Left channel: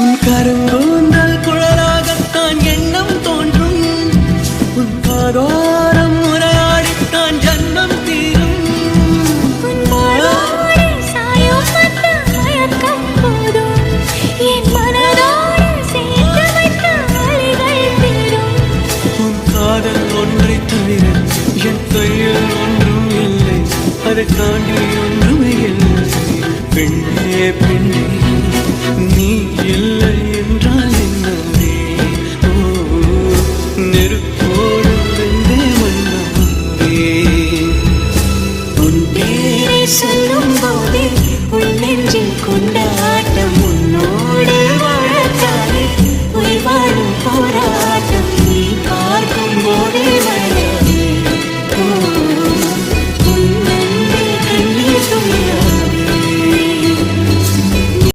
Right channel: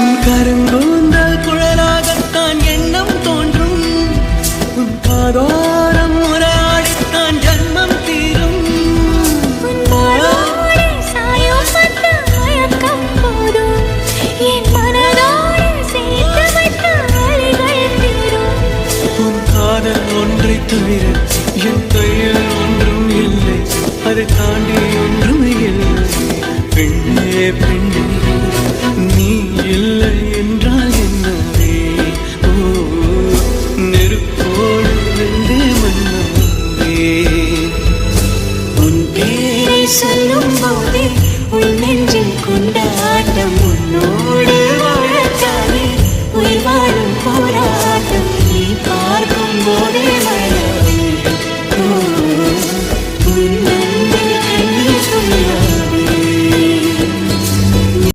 உன் கருங்கூந்தல் குழலாகத்தான் எண்ணம் தோன்றும். உன் காதோரம் உரையாடித்தான் ஜன்மம் தீரும். உன் மாளோடு சாயம் வந்த மயக்கம் போதும். என் மனதோடு சேர்த்து வைத்த அலைகள் தீரும். உன் காதல் ஒன்றை தவிர என் கையில் ஒன்றும் இல்லை. அதை தாண்டி ஒன்றுமே இல்லை. பெண்ணே பெண்ணே நீ இல்லை என்றால் என்னவே? ஓ நெருப்போடு வெந்தே மண்ணாவே. உன் பேரை சொல்லும் போதே உன் நெஞ்சில் கொண்டாட்டம்.